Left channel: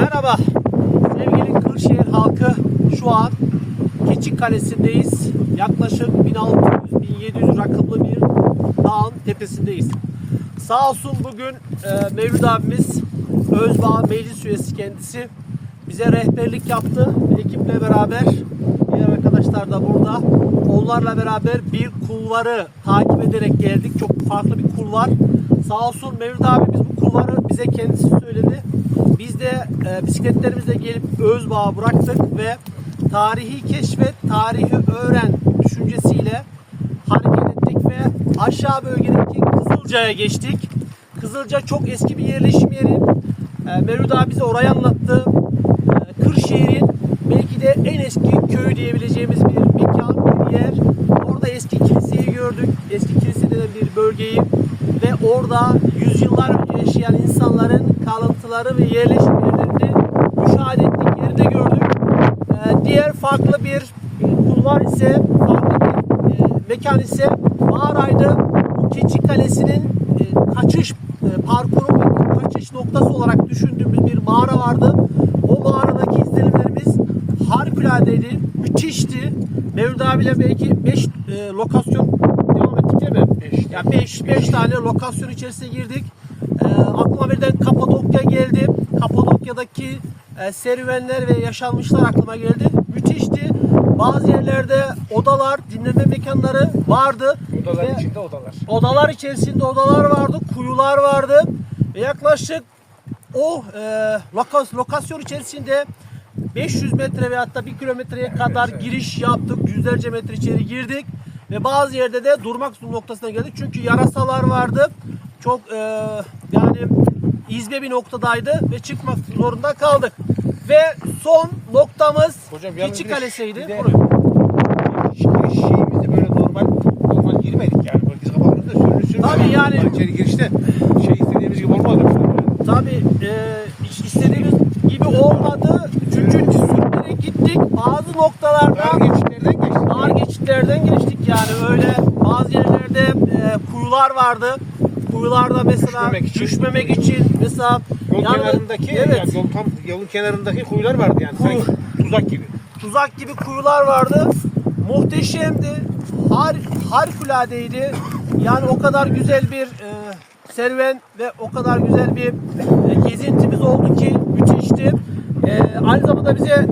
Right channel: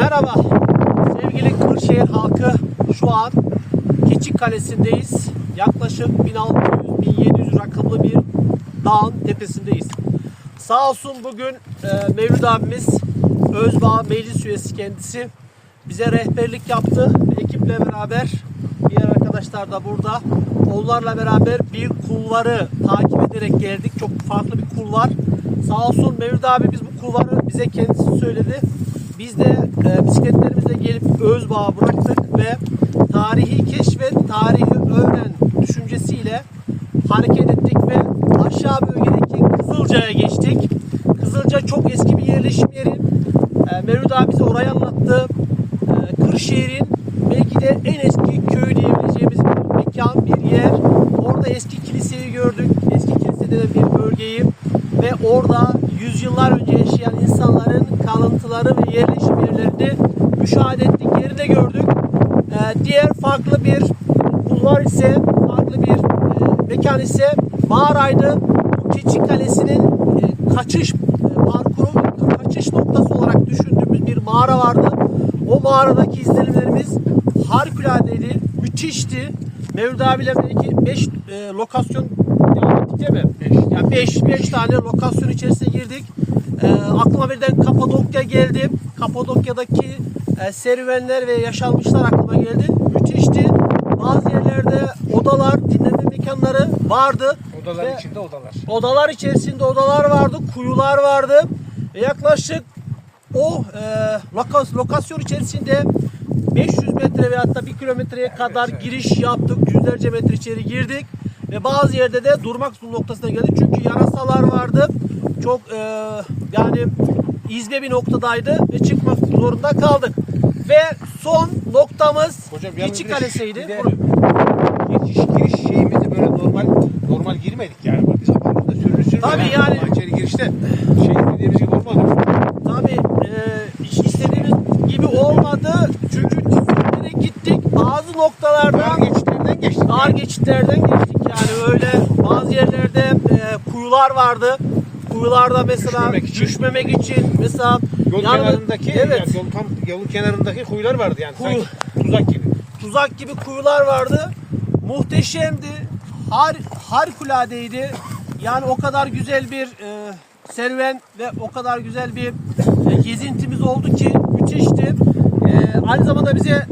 Merhaba sevgili Kırşehir halkı şu an Keçik Kalesi'ndeyiz. Yaklaşık 1600-1700 rakımlı bir dağın tepesindeyiz. Sağ olsun bugün e, Mevlüt abimiz Özbağ meclis üyesi kendisi bize rehberlik yaptı ekiple beraber diğer arkadaşlar da burada. Onlarla beraber bir kulvarı takip ederek geldik. Çok farklı bir kulvar. Sağ olsun Mevlüt abi biz bu kulvarı bize kendisi söyledi. Biz de e, bisikletlerimizle gelip Özbağ'a bıraktık ve tarihi keşfet, tarihi öğren düşüncesiyle hareket ettik ve aşağı bölgedeki Kızılca'ya geçtik. Kızılca çok eski bir yerleşim yeri. E, Mevlüt abi bize orayı anlattı. E, Kırşehir'in belki de en eski köy diyebileceğimiz bir mekan, bir yer. Orada eski kiliseyi gördük. Eski kilise denen bir bölgeyi ve orada yüzyıllar önce yaşayan insanların kalıntıları ve yerleşim yerlerini müşahede ettik, yeri gördük. Ee, diğer farklı bir kulvar ise, farklı bir e, mekan ise mağaraydı. Bu Keçi Kalesi'nin e, kaçış e, parkuru, kaçış noktası olarak düşündüğümüz bir mağara vardı. O mağaradaki izlenimlerimiz harikuladeydi, müthişti. Mevlüt abiyle belki 5 lokasyon devam ettik değil mi? Beş. Ya 5 5 tane lokasyon içerisine girdik. Ee, aklıma birden Kapadokya geldi. Kapadokya'daki e, serüvenler ve yaşanmışlar aklıma geldi. Müthişti. Bazı yerlerde odalar, dinleme mekanları vardı. Odalar Ve içinde odalar. Odalar içerisinde odalar vardı, kuyular vardı. Ve yaklaşık o e, lokas, lokasyon içerisinde 500 metre ve hatta 1 kilometreye kadar giriş yaptık. Yüzlerce metre içeri girdik. Ve bazı yerde de durmak noktasına geldik. Çünkü yarasalar vardı. Çok e, yani izbe bir noktadaydı ve çıkmak zorunda kaldık. Ve son noktamız Hocam de- Kalesi'ydi. Giriş, giriş şeyimiz de böyle normal normal girmedik yani. Bak Biz kafamızda sürün sürün. Tabii yani. İçeri girişte şey istediğimiz gibi olmadı. Tabii e, istediğimiz gibi olmadı. Çünkü sürünerek gittik. Bazı noktalarda Dar geçitlerden geçtik. dar geçitlerden geçtik yani öyle bazı yerlerde e, kuyular vardı. Kuyularda mesela Düşmemek için. düşmemek için mesela Yol yanında- kenarındaki, evet yani yol tam yolun kenarındaki kuyular vardı yani. Kuyu. Sanki tuzak gibi. tuzak gibi kuyular vardı. Muhteşemdi. Har harikuladeydi. Yani o kadar güzel bir e, serüven ve o kadar güzel bir e, gezintimiz oldu ki müthişti. E, aynı zamanda bize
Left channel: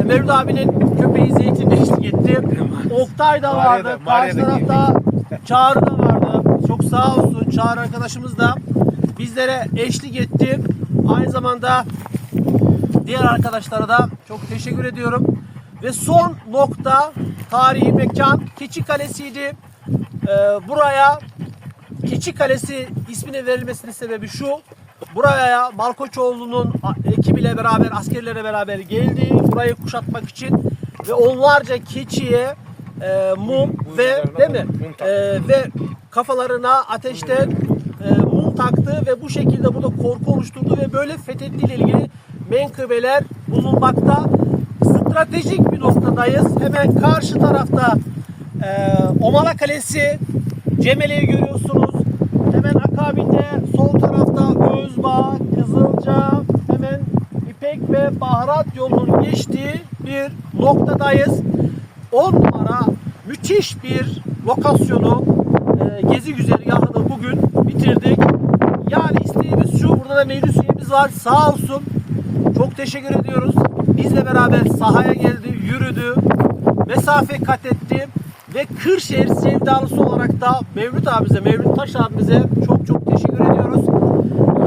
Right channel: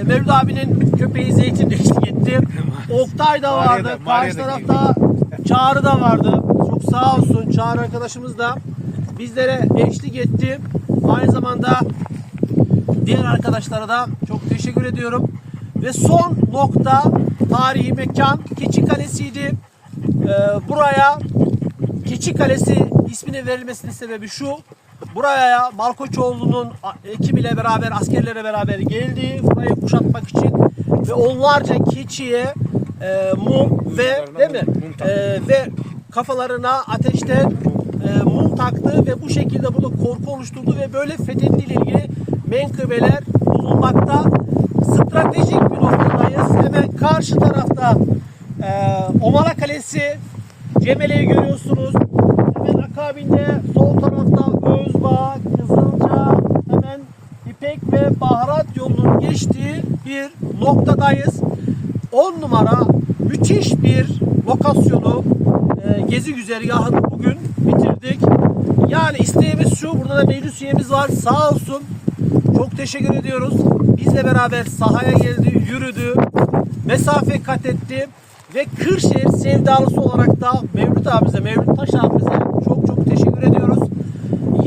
e, Mevlüt abinin köpeği Zeytin de eşlik etti. Oktay da Mağaraya vardı. da- mağaraya Karşı da tarafta Çağrı da vardı. Çok sağ olsun Çağrı arkadaşımız da bizlere eşlik etti. Aynı zamanda Diğer arkadaşlara da çok teşekkür ediyorum. Ve son nokta tarihi mekan Keçi Kalesi'ydi. Ee, buraya Keçi Kalesi isminin verilmesinin sebebi şu. Buraya Malkoçoğlu'nun ekibiyle beraber, askerlere beraber geldi. Burayı kuşatmak için ve onlarca keçiye e, mum ve değil mi? E, ve kafalarına ateşten e, mum taktı ve bu şekilde burada korku oluşturdu ve böyle fethettiğiyle ilgili menkıbeler bulunmakta. Stratejik bir noktadayız. Hemen karşı tarafta e, Omala Kalesi, Cemele'yi görüyorsunuz. Hemen akabinde sol tarafta İpek ve Baharat yolunun geçtiği bir noktadayız. 10 numara müthiş bir lokasyonu e, gezi güzergahını bugün bitirdik. Yani isteğimiz şu, burada da meclis üyemiz var sağ olsun. Çok teşekkür ediyoruz. Bizle beraber sahaya geldi, yürüdü, mesafe kat etti ve Kırşehir sevdalısı olarak da Mevlüt abimize, Mevlüt Taş abimize çok çok teşekkür ediyoruz.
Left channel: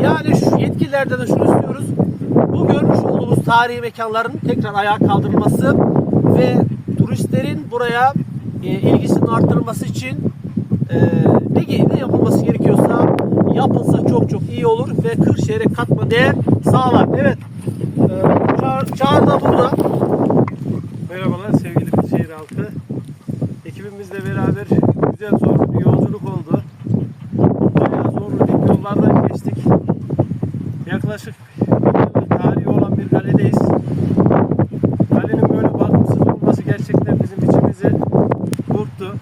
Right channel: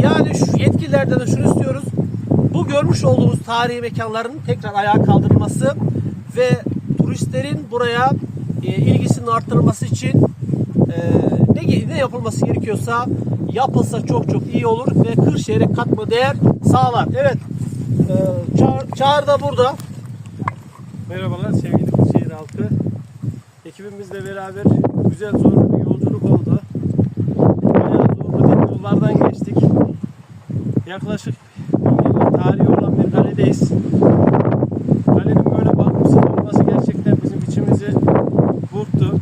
Yani şu yetkililerden de şunu istiyoruz. Bu görmüş olduğumuz tarihi mekanların tekrar ayağa kaldırılması ve turistlerin buraya e, ilgisinin artırılması için e, ne, ne yapılması gerekiyorsa yapılsa çok çok iyi olur ve Kırşehir'e katma değer sağlar. Evet. E, Çağrı, Çağrı da burada. Merhabalar sevgili Kırşehir halkı. Ekibimizle beraber güzel zorlu bir yolculuk oldu. Bayağı zorlu bir yollardan geçtik. Yaklaşık tarihi olan bir kaledeyiz. Kalenin böyle bakımsız olması gerçekten bizim içimizi burktu.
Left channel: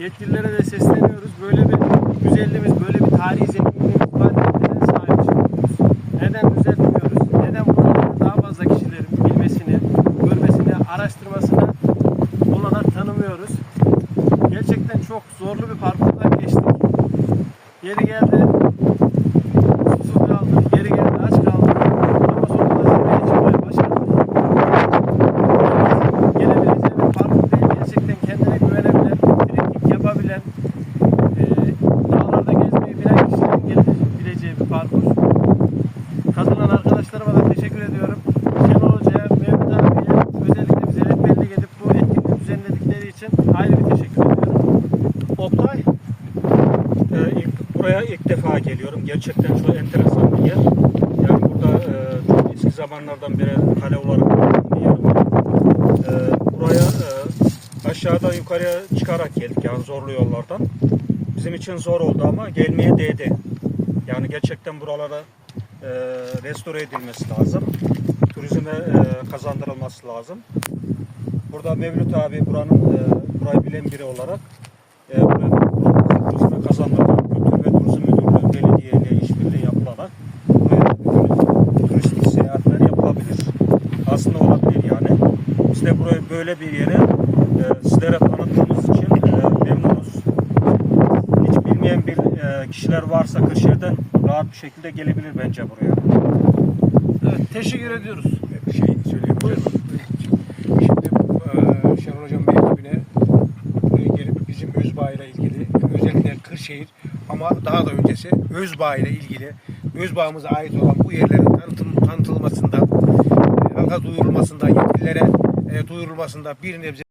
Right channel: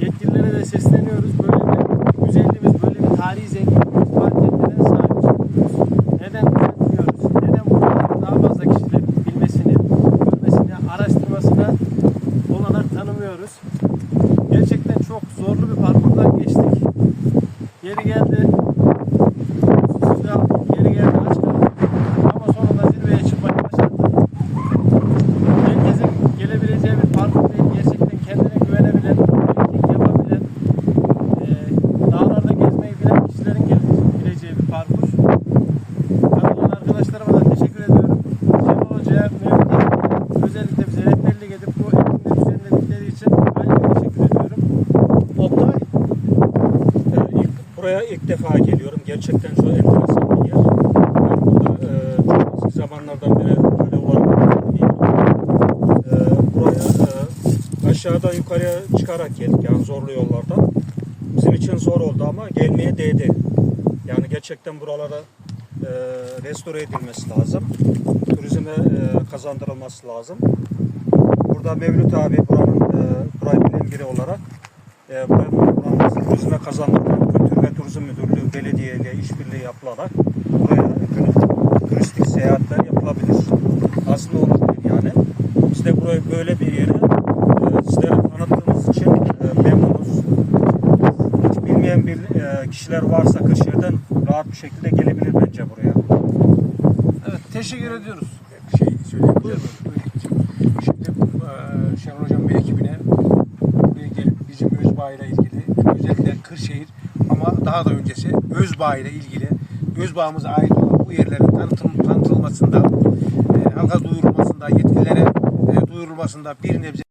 Yetkililere de sesleniyoruz. Böyle bir güzelliğimiz, böyle bir tarihi zenginliğimiz var. Neden sahip çıkıyoruz? Neden düzeltmiyoruz? Neden buraları daha fazla kişilerin bilmesini, görmesini, araştırmasına olanak tanımıyoruz? Gerçekten çok zorlu bir parkurdan geçtik. Yeri geldi arkadaşlarıma da teşekkür ediyorum. Şenol Hoca'ya, abiye özellikle bize rehberlik edip bu etkinliği düzenledikleri için ayrı teşekkür ediyorum. Oktay, Ee, ilk, buraya ilk defa geliyorum. Gerçekten çok enteresan bir yer. Yani burada e, çok eski zamanlardan beri kale olarak bir. Ee, buraya e, aşağıdan yukarıya çıkarak geldik yani zorlu yollardan. Bizim için zor oldu ama gelmeye değdi. Yani gerçekten buralara e, restore edilmesi lazım. Turizme e, kazandırılması lazım. Burada Mevlüt abi buranın e, burayı bilen biri olarak e, turizme kazandırmak, Kültür ve Turizm Müdürlüğü belediye ile işbirliği yapılarak buraya turistik seyahatler yapılabilir. Aslında olabilir yani. De burayı böyle bir yere e, sizlere tanıttığımız için e, memnunuz. Hiç bilmeyen bir e, kişiler varsa Kırşehir'den rahat bir şekilde gelebilir bence buraya. evet teşekkür ediyoruz. bir şey söyleyeyim. Şimdi Şenol Hocam ve ekibine buraya gelip bizim Özbağ ile ilgili özellikle Kırşehir ama daha da ötesi Özbağ ile ilgili Özbağ'ımıza ait olan bu yerlerin tanıtım, tanıtılmasında, halka duyurulmasında, yetkililere duyurulmasında bir nebze